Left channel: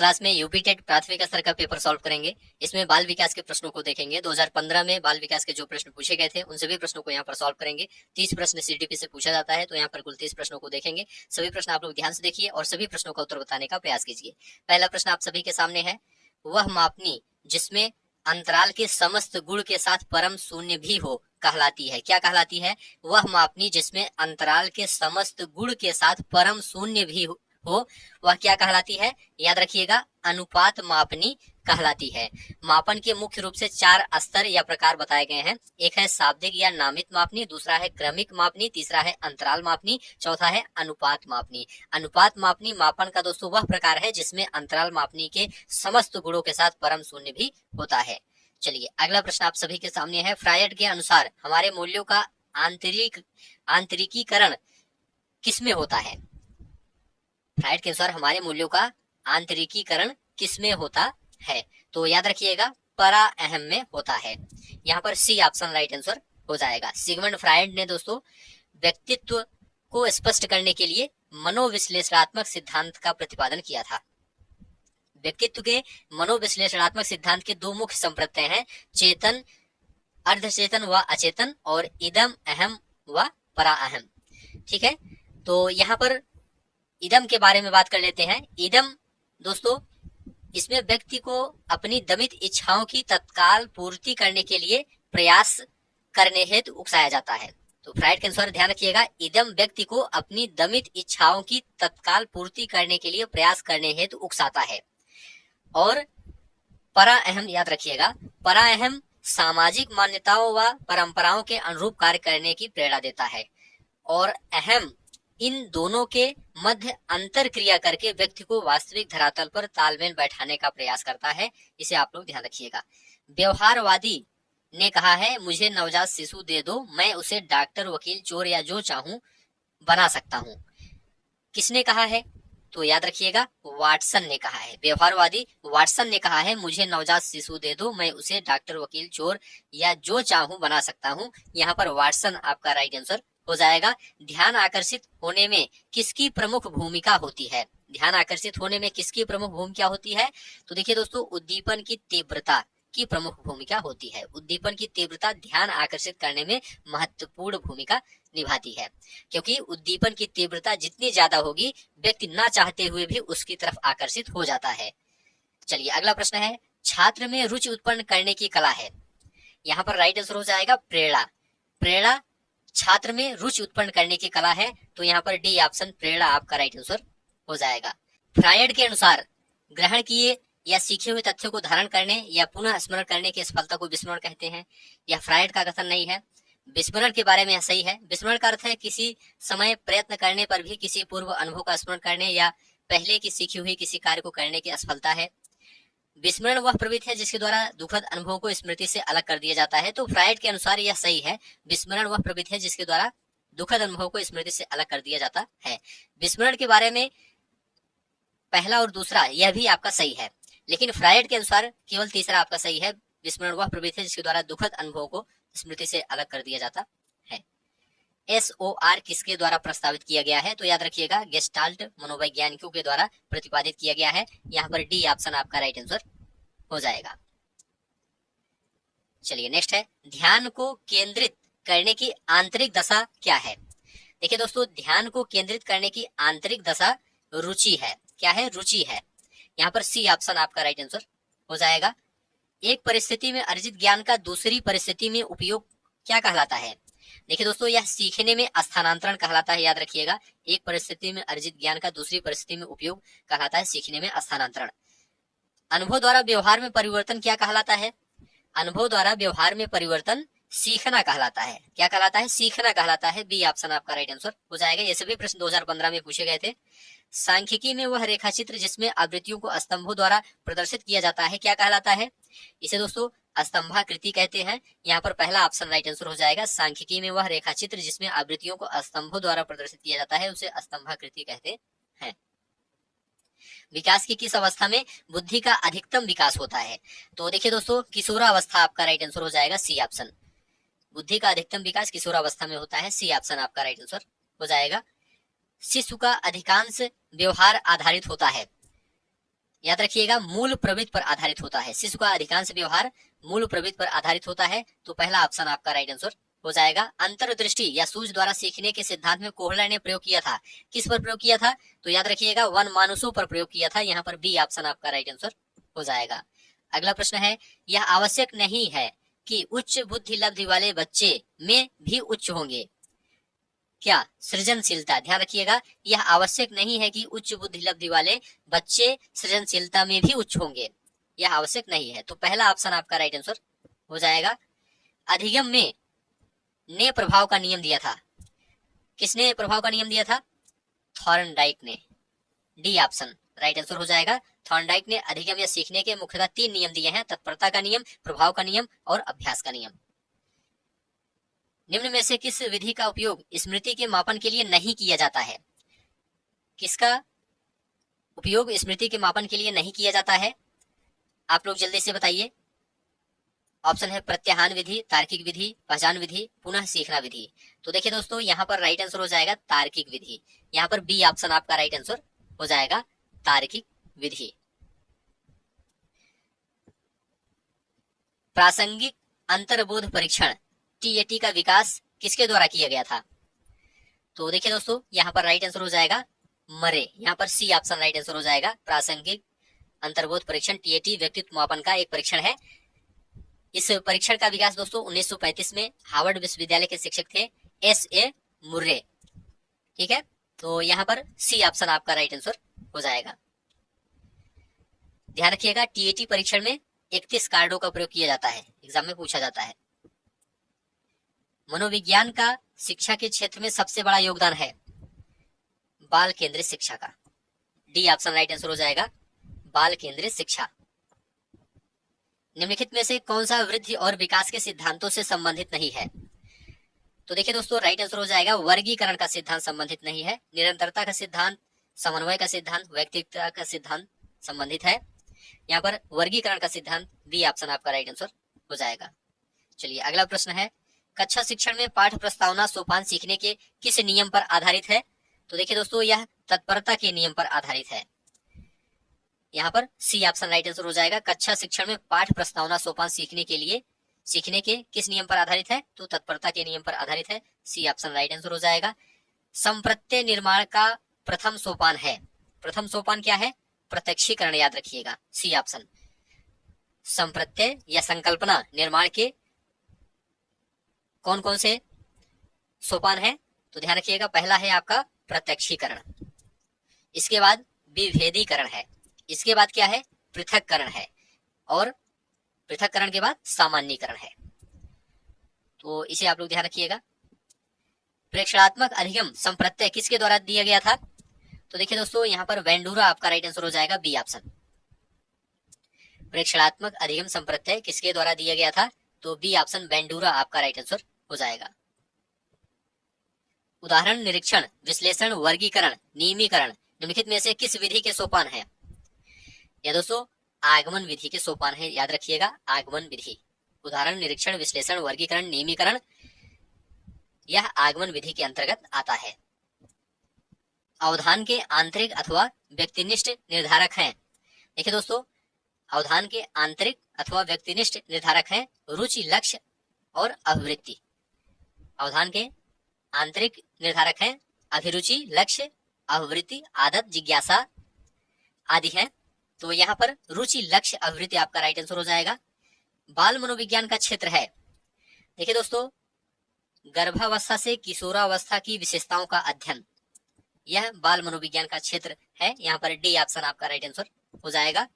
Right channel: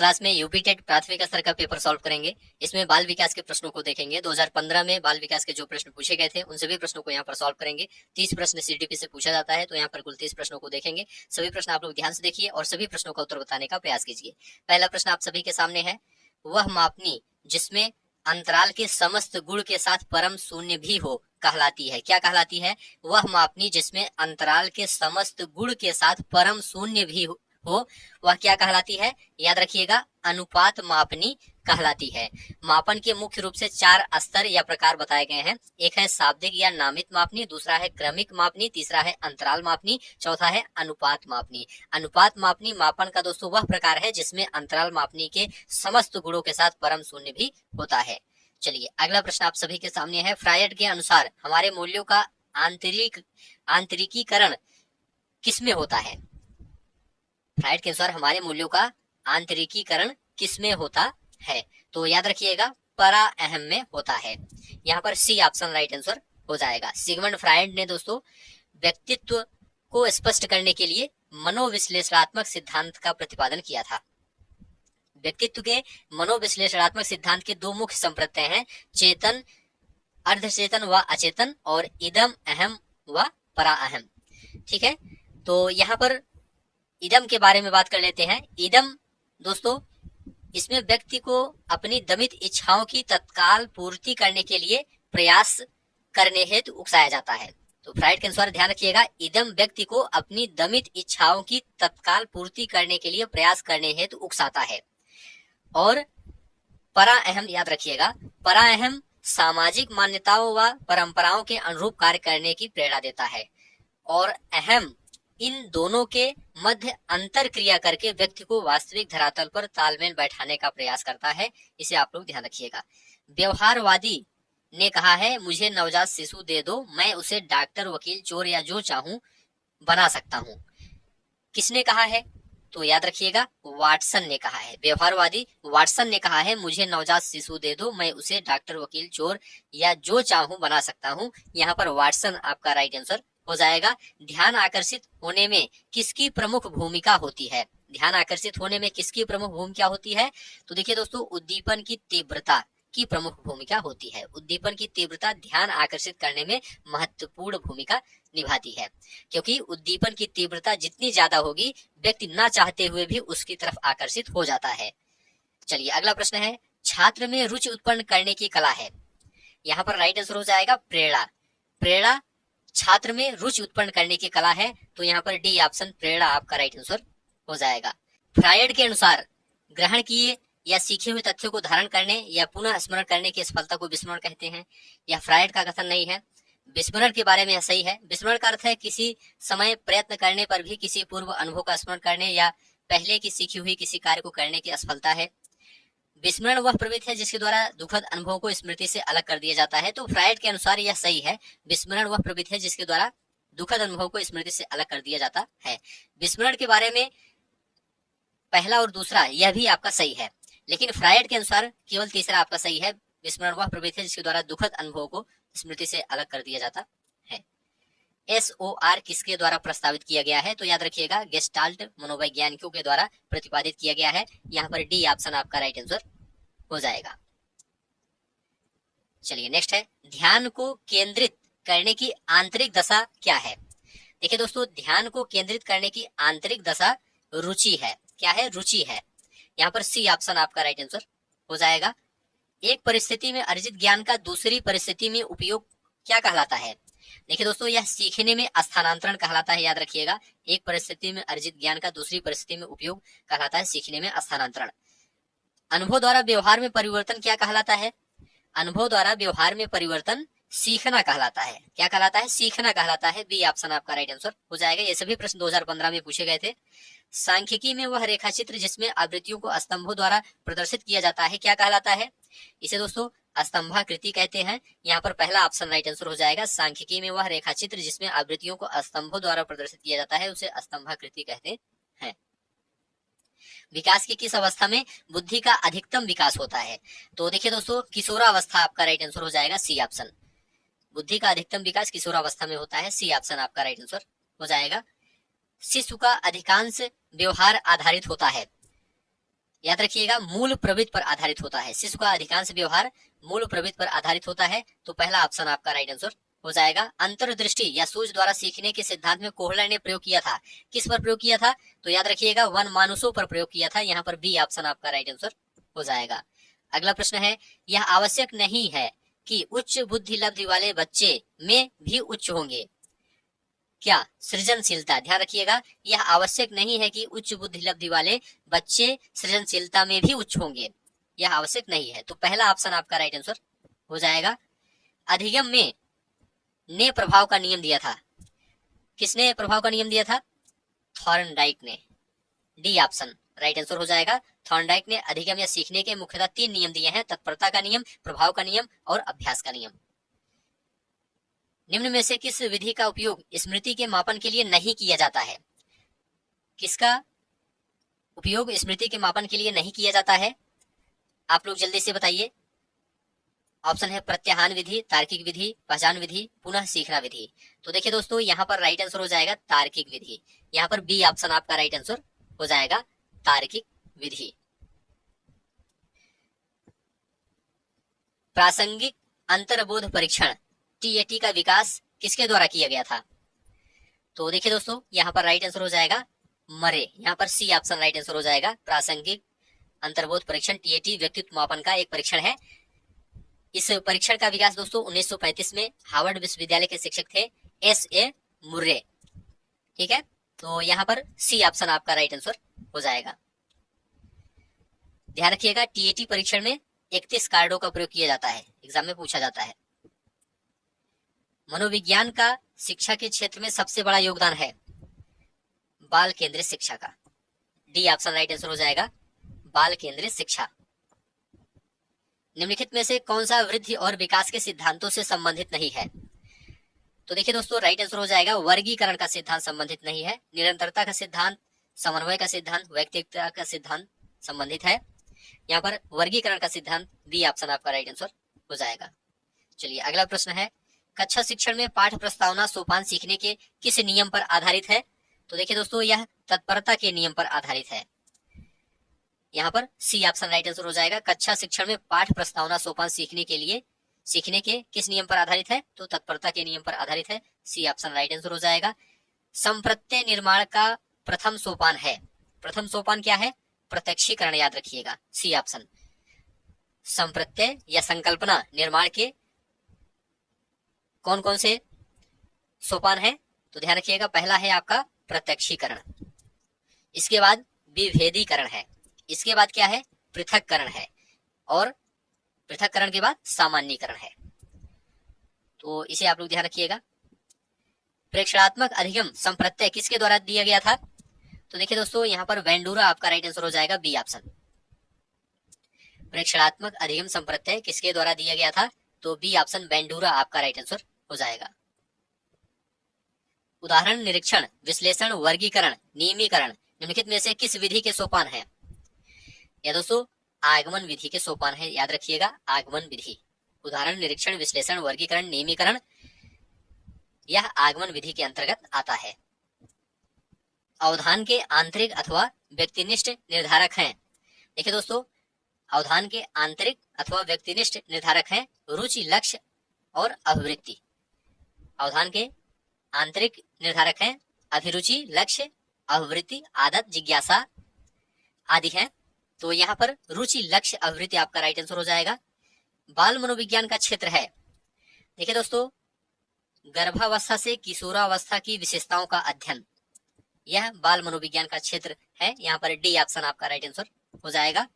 Class में UP TET प्राथमिक स्तर का पेपर सॉल्व करेंगे। इसमें बाल विकास के प्रश्नों को देखेंगे। 2015 में बाल विकास के जो प्रश्न पूछे गए थे उन सभी प्रश्नों को यहाँ पर सॉल्व करेंगे। 30 प्रश्न सीडीपी से पूछा जाता है, तो यहाँ पर कुल 30 प्रश्नों को देखेंगे। सभी प्रश्न आप लोग ध्यान से देखिए और सभी प्रश्नों का उत्तर बताने का प्रयास कीजिए। पहला प्रश्न आप सभी के सामने है, वह मापनी जिसमें अंतराल के समस्त गुण के साथ परम शून्य भी हो कहलाती है। क्या कहलाती है? वह मापनी जिसमें अंतराल के समस्त गुण के साथ परम शून्य भी हो वह क्या कहलाती है? याद रखिएगा, अनुपात मापनी कहलाती है। मापन के मुख्य रूप से 4 स्तर या प्रकार बताए गए हैं। एक है शाब्दिक या नामित मापनी, दूसरा है क्रमिक मापनी, तीसरा है अंतराल मापनी, चौथा है अनुपात मापनी। अनुपात मापनी मापन का दोस्तों वह प्रकार है जिसमें अंतराल मापनी के समस्त गुणों के साथ परम शून्य भी होता है। चलिए अगला प्रश्न आप सभी के सामने है, फ्रायड के अनुसार हमारे मूल्यों का आंतरिकीकरण किसमें होता है? फ्रायड के अनुसार हमारे मूल्यों का आंतरिकीकरण किसमें होता है? तो याद रखिएगा, परा अहम में होता है। यहाँ पर सी ऑप्शन राइट आंसर हो जाएगा। सिगमंड फ्रायड ने दोस्तों व्यक्तित्व को स्पष्ट करने के लिए मनोविश्लेषणात्मक सिद्धांत का प्रतिपादन किया था। व्यक्तित्व के मनोविश्लेषणात्मक सिद्धांत के 2 मुख्य संप्रत्यय हैं, चेतन, अर्धचेतन व अचेतन, और इदम अहम व परा अहम। ठीक है, तो यहाँ पर इदम के बारे में बात कर लेते हैं। इदम दोस्तों, इसमें व्यक्ति को अपनी दमित इच्छाओं की तत्काल पूर्ति करने के लिए प्रयास करने हेतु उकसाया जाता है। तो फ्रायड के अनुसार ध्यान रखिएगा, इदम व्यक्ति को अपनी दमित इच्छाओं की तत्काल पूर्ति करने के लिए प्रयास करने हेतु उकसाता है। और परा अहम, याद रखिएगा, परा अहम सामाजिक मान्यताओं व परंपराओं के अनुरूप कार्य करने की प्रेरणा देता है। और अहम इन दोनों के मध्य अंतर क्रिया करके व्यक्ति को वास्तविक धरातल पर तालमेल बैठाने का प्रयास करता है। इसे आप लोग ध्यान रखिएगा। व्यवहारवादी ने कहा है, मुझे नवजात शिशु दे दो, मैं उसे डॉक्टर, वकील, चोर या जो चाहूं बना सकता हूं। किसने कहा है? तो याद रखिएगा, वाटसन ने कहा है। व्यवहारवादी वाटसन ने कहा है, मुझे नवजात शिशु दे दो, मैं उसे डॉक्टर, वकील, चोर या जो चाहूं बना सकता हूं। यहाँ पर वाटसन आपका राइट आंसर हो जाएगा। ध्यान आकर्षित होने में किसकी प्रमुख भूमिका होती है? ध्यान आकर्षित होने में किसकी प्रमुख भूमिका होती है? तो देखिए दोस्तों, उद्दीपन की तीव्रता की प्रमुख भूमिका होती है। उद्दीपन की तीव्रता ध्यान आकर्षित करने में महत्वपूर्ण भूमिका निभाती है, क्योंकि उद्दीपन की तीव्रता जितनी ज्यादा होगी, व्यक्ति ना चाहते हुए भी उसकी तरफ आकर्षित हो जाता है। चलिए अगला प्रश्न है, छात्र में रुचि उत्पन्न करने की कला है। यहाँ पर राइट आंसर हो जाएगा प्रेरणा। प्रेरणा छात्र में रुचि उत्पन्न करने की कला है, तो यहाँ पर डी ऑप्शन प्रेरणा आपका राइट आंसर हो जाएगा। फ्रायड के अनुसार ग्रहण किए या सीखे हुए तथ्यों को धारण करने या पुनः स्मरण करने की सफलता को विस्मरण कहते हैं। यह फ्रायड का कथन नहीं है। विस्मरण के बारे में यह सही है। विस्मरण का अर्थ है किसी समय प्रयत्न करने पर भी किसी पूर्व अनुभव का स्मरण करने या पहले की सीखी हुई किसी कार्य को करने की असफलता है। विस्मरण वह प्रवृत्ति है जिसके द्वारा दुखद अनुभवों को स्मृति से अलग कर दिया जाता है। तो फ्रायड के अनुसार यह सही है। विस्मरण वह प्रवृत्ति है जिसके द्वारा दुखद अनुभवों को स्मृति से अलग कर दिया जाता है। विस्मरण के बारे में पहला और दूसरा यह भी आपका सही है, लेकिन फ्रायड के अनुसार केवल तीसरा आपका सही है। विस्मरण वह प्रवृत्ति है जिसके द्वारा दुखद अनुभवों को स्मृति से अलग कर दिया जाता है। SOR किसके द्वारा प्रस्तावित किया गया है? तो याद रखिएगा, गेस्टाल्ट मनोवैज्ञानिकों के द्वारा प्रतिपादित किया गया है। यहाँ पर डी ऑप्शन आपका राइट आंसर हो जाएगा। चलिए नेक्स्ट है, ध्यान को केंद्रित करने की आंतरिक दशा क्या है? देखिए दोस्तों, ध्यान को केंद्रित करने की आंतरिक दशा रुचि है। क्या है? रुचि है। यहाँ पर सी ऑप्शन आपका राइट आंसर हो जाएगा। एक परिस्थिति में अर्जित ज्ञान का दूसरी परिस्थिति में उपयोग क्या कहलाता है? देखिए दोस्तों, यह सीखने में स्थानांतरण कहलाता है। याद रखिएगा, एक परिस्थिति में अर्जित ज्ञान का दूसरी परिस्थिति में उपयोग कहलाता है सीखने में स्थानांतरण। अनुभव द्वारा व्यवहार में परिवर्तन क्या कहलाता है? अनुभव द्वारा व्यवहार में परिवर्तन सीखना कहलाता है। क्या कहलाता है? सीखना कहलाता है। बी ऑप्शन आपका राइट आंसर हो जाएगा। ये सभी प्रश्न 2015 में पूछे गए थे। सांख्यिकी में वह रेखा चित्र जिसमें आवृत्तियों को स्तंभों द्वारा प्रदर्शित किया जाता है क्या कहलाता है? इसे दोस्तों स्तंभाकृति कहते हैं। यहाँ पर पहला ऑप्शन राइट आंसर हो जाएगा। सांख्यिकी में वह रेखा चित्र जिसमें आवृत्तियों को स्तंभों द्वारा प्रदर्शित किया जाता है उसे स्तंभाकृति कहते हैं। विकास की किस अवस्था में बुद्धि का अधिकतम विकास होता है? तो देखिए दोस्तों, किशोरावस्था आपका राइट आंसर हो जाएगा। C option. बुद्धि का अधिकतम विकास किशोरावस्था में होता है। सी ऑप्शन आपका राइट आंसर हो जाएगा। शिशु का अधिकांश व्यवहार आधारित होता है। याद रखिएगा मूल प्रवृत्ति पर आधारित होता है। शिशु का अधिकांश व्यवहार मूल प्रवृत्ति पर आधारित होता है, तो पहला ऑप्शन आपका राइट आंसर हो जाएगा। अंतर्दृष्टि या सूझ द्वारा सीखने के सिद्धांत में कोहलर ने प्रयोग किया था, किस पर प्रयोग किया था? तो याद रखिएगा वन मानुषों पर प्रयोग किया था। यहाँ पर बी ऑप्शन आपका राइट आंसर हो जाएगा। अगला प्रश्न है, यह आवश्यक नहीं है कि उच्च बुद्धि लब्धि वाले बच्चे में भी उच्च होंगे क्या? सृजनशीलता, ध्यान रखिएगा यह आवश्यक नहीं है कि उच्च बुद्धि लब्धि वाले बच्चे सृजनशीलता में भी उच्च होंगे, यह आवश्यक नहीं है। तो पहला ऑप्शन आपका राइट आंसर हो जाएगा। अधिगम में ने प्रभाव का नियम दिया था, किसने प्रभाव का नियम दिया था? थॉर्नडाइक ने। डी ऑप्शन राइट आंसर हो जाएगा। थॉर्नडाइक ने अधिगम या सीखने के मुख्यतः 3 नियम दिए हैं, तत्परता का नियम, प्रभाव का नियम और अभ्यास का नियम। निम्न में से किस विधि का उपयोग स्मृति के मापन के लिए नहीं किया जाता है? किसका उपयोग स्मृति के मापन के लिए नहीं किया जाता है? आप लोग जल्दी से बताइए। ऑप्शन है प्रत्याहान विधि, तार्किक विधि, पहचान विधि, पुनः सीखना विधि। तो देखिए दोस्तों यहाँ पर राइट आंसर हो जाएगा तार्किक विधि। यहाँ पर बी ऑप्शन आपका राइट आंसर हो जाएगा, तार्किक विधि। प्रासंगिक अंतर्बोध परीक्षण टीएटी का विकास किसके द्वारा किया गया था? तो देखिए दोस्तों यहाँ पर राइट आंसर हो जाएगा मरे। यहाँ पर सी ऑप्शन राइट आंसर हो जाएगा। प्रासंगिक अंतर्बोध परीक्षण टीएटी व्यक्तित्व मापन का एक परीक्षण है। इस परीक्षण का विकास दोस्तों 1935 में हार्वर्ड विश्वविद्यालय के शिक्षक थे एस.ए. मुर्रे। ठीक है, तो यहाँ पर सी ऑप्शन आपका राइट आंसर हो जाएगा। ध्यान रखिएगा टीएटी परीक्षण में 31 कार्डों का प्रयोग किया जाता है, एग्जाम में पूछा जाता है। मनोविज्ञान का शिक्षा के क्षेत्र में सबसे बड़ा योगदान है बाल केंद्रित शिक्षा का। डी ऑप्शन राइट आंसर हो जाएगा, बाल केंद्रित शिक्षा। निम्नलिखित में से कौन सा वृद्धि और विकास के सिद्धांतों से संबंधित नहीं है? तो देखिए दोस्तों राइट आंसर हो जाएगा वर्गीकरण का सिद्धांत संबंधित नहीं है। निरंतरता का सिद्धांत, समन्वय का सिद्धांत, व्यक्तिगतता का सिद्धांत संबंधित है। यहाँ पर वर्गीकरण का सिद्धांत बी ऑप्शन आपका राइट आंसर हो जाएगा। चलिए अगला प्रश्न है, कक्षा शिक्षण में पाठ प्रस्तावना सोपान सीखने के किस नियम पर आधारित है? तो देखिए दोस्तों यह तत्परता के नियम पर आधारित है। यहाँ पर सी ऑप्शन राइट आंसर हो जाएगा। कक्षा शिक्षण में पाठ प्रस्तावना सोपान सीखने के किस नियम पर आधारित है? तो तत्परता के नियम पर आधारित है। सी ऑप्शन राइट आंसर हो जाएगा। संप्रत्यय निर्माण का प्रथम सोपान है, प्रथम सोपान क्या है? प्रत्यक्षीकरण, याद रखिएगा सी ऑप्शन। संप्रत्यय या संकल्पना निर्माण के कौन कौन से सोपान है? तो ध्यान रखिएगा पहला है आपका प्रत्यक्षीकरण, इसके बाद विभेदीकरण है, इसके बाद क्या है? पृथक्करण है, और पृथक्करण के बाद सामान्यीकरण है। तो इसे आप लोग ध्यान रखिएगा। प्रेक्षणात्मक अधिगम संप्रत्यय किसके द्वारा दिया गया था? तो देखिए दोस्तों यहाँ पर वेंडूरा आपका राइट आंसर हो जाएगा, बी ऑप्शन। प्रेक्षणात्मक अधिगम संप्रत्यय किसके द्वारा दिया गया था? तो बी ऑप्शन वेंडूरा आपका राइट आंसर हो जाएगा। उदाहरण निरीक्षण, विश्लेषण, वर्गीकरण, नियमीकरण निम्नलिखित में से किस विधि के सोपान है? या दोस्तों आगमन विधि के सोपान है, याद रखिएगा आगमन विधि। उदाहरण निरीक्षण, विश्लेषण, वर्गीकरण, नियमीकरण यह आगमन विधि के अंतर्गत आता है। अवधान के आंतरिक अथवा व्यक्तिनिष्ठ निर्धारक हैं। देखिए दोस्तों अवधान के आंतरिक अथवा व्यक्तिनिष्ठ निर्धारक हैं रुचि, लक्ष्य और अभिवृत्ति। अवधान के आंतरिक निर्धारक हैं अभिरुचि, लक्ष्य, अभिवृत्ति, आदत, जिज्ञासा आदि हैं। तो यहाँ पर रुचि, लक्ष्य, अभिवृत्ति आपका राइट आंसर हो जाएगा। बाल मनोविज्ञान का क्षेत्र है, देखिए दोस्तों गर्भावस्था से किशोरावस्था की विशेषताओं का अध्ययन, यह बाल मनोविज्ञान का क्षेत्र है। यहाँ पर डी ऑप्शन आपका राइट आंसर हो जाएगा।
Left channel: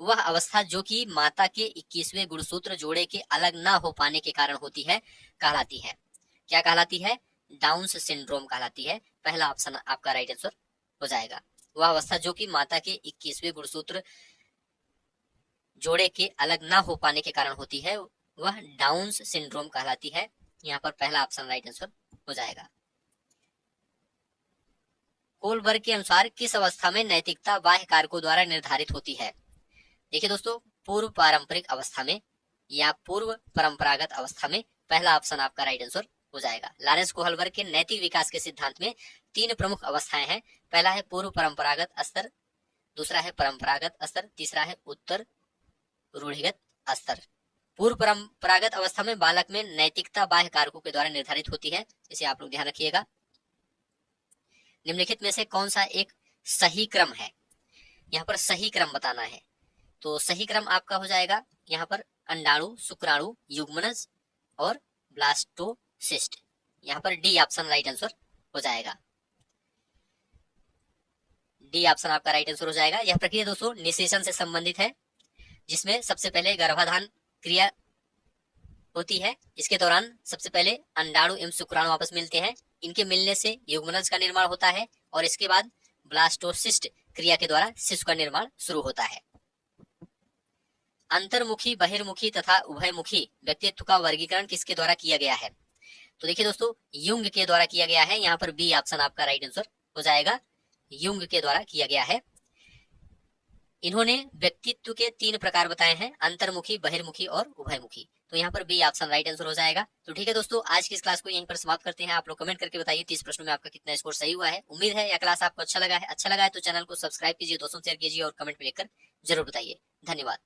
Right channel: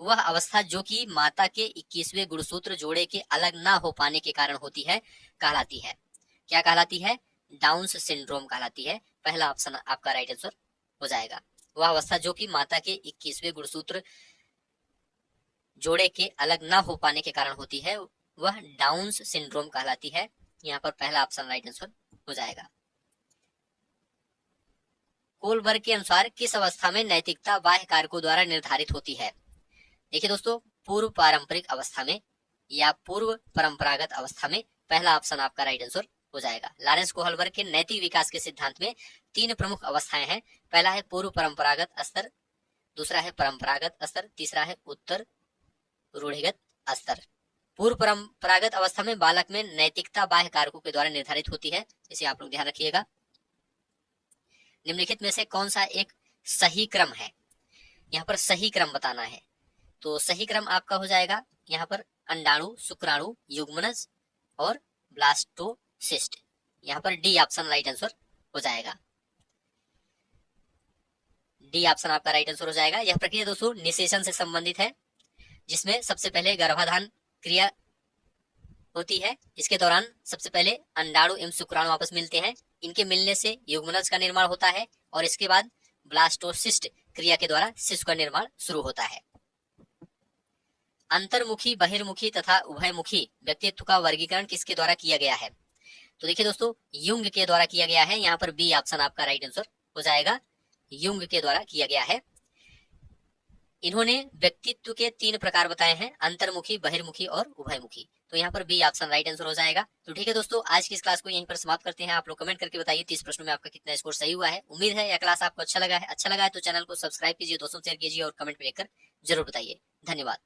वह अवस्था जो कि माता के 21वें गुणसूत्र जोड़े के अलग ना हो पाने के कारण होती है कहलाती है, क्या कहलाती है? डाउन्स सिंड्रोम कहलाती है। पहला ऑप्शन आपका राइट आंसर हो जाएगा। वह अवस्था जो कि माता के 21वें गुणसूत्र जोड़े के अलग ना हो पाने के कारण होती है वह डाउन्स सिंड्रोम कहलाती है। यहाँ पर पहला ऑप्शन राइट आंसर हो जाएगा। कोलबर्ग के अनुसार किस अवस्था में नैतिकता बाह्य कारकों द्वारा निर्धारित होती है? देखिए दोस्तों पूर्व पारंपरिक अवस्था में या पूर्व परंपरागत अवस्था में, पहला ऑप्शन आपका राइट आंसर हो जाएगा। लॉरेंस कोहलबर्ग के नैतिक विकास के सिद्धांत में 3 प्रमुख अवस्थाएं हैं। पहला है पूर्व परंपरागत स्तर, दूसरा है परंपरागत स्तर, तीसरा है उत्तर रूढ़िगत स्तर। पूर्व परंपरागत अवस्था में बालक में नैतिकता बाह्य कारकों के द्वारा निर्धारित होती है, इसे आप लोग ध्यान रखिएगा। निम्नलिखित में से कौन सा एक सही क्रम है, यहाँ पर सही क्रम बताना है। तो सही क्रम आपका हो जाएगा यहाँ पर अंडाणु, शुक्राणु, युग्मनज और ब्लास्टोसिस्ट। यहाँ पर डी ऑप्शन राइट आंसर हो जाएगा। डी ऑप्शन आपका राइट आंसर हो जाएगा। यह प्रक्रिया दोस्तों निषेचन से संबंधित है, जिसमें सबसे पहले गर्भाधान क्रिया होती है। इसके दौरान सबसे पहले अंडाणु एवं शुक्राणु आपस मिलते हैं, इनके मिलने से युग्मनज का निर्माण होता है और इसके बाद ब्लास्टोसिस्ट क्रिया के द्वारा शिशु का निर्माण शुरू होता है। अंतर्मुखी, बहिर्मुखी तथा उभयमुखी व्यक्तित्व का वर्गीकरण किसके द्वारा किया गया है? तो देखिए दोस्तों, युंग के द्वारा किया गया है। यहाँ पर बी ऑप्शन आपका राइट आंसर हो जाएगा, युंग के द्वारा किया गया है। इन्होंने व्यक्तित्व के 3 प्रकार बताए हैं, अंतर्मुखी, बहिर्मुखी और उभयमुखी। तो यहाँ पर बी ऑप्शन राइट आंसर हो जाएगा। तो ठीक है दोस्तों, आज की इस क्लास को यहीं पर समाप्त करते हैं। आप लोग कमेंट करके बताइए 30 प्रश्नों में आपका कितना स्कोर सही हुआ है। उम्मीद है यह क्लास आपको अच्छा लगा है तो चैनल को सब्सक्राइब कीजिए, दोस्तों शेयर कीजिए और कमेंट में लिखकर जरूर बताइए। धन्यवाद।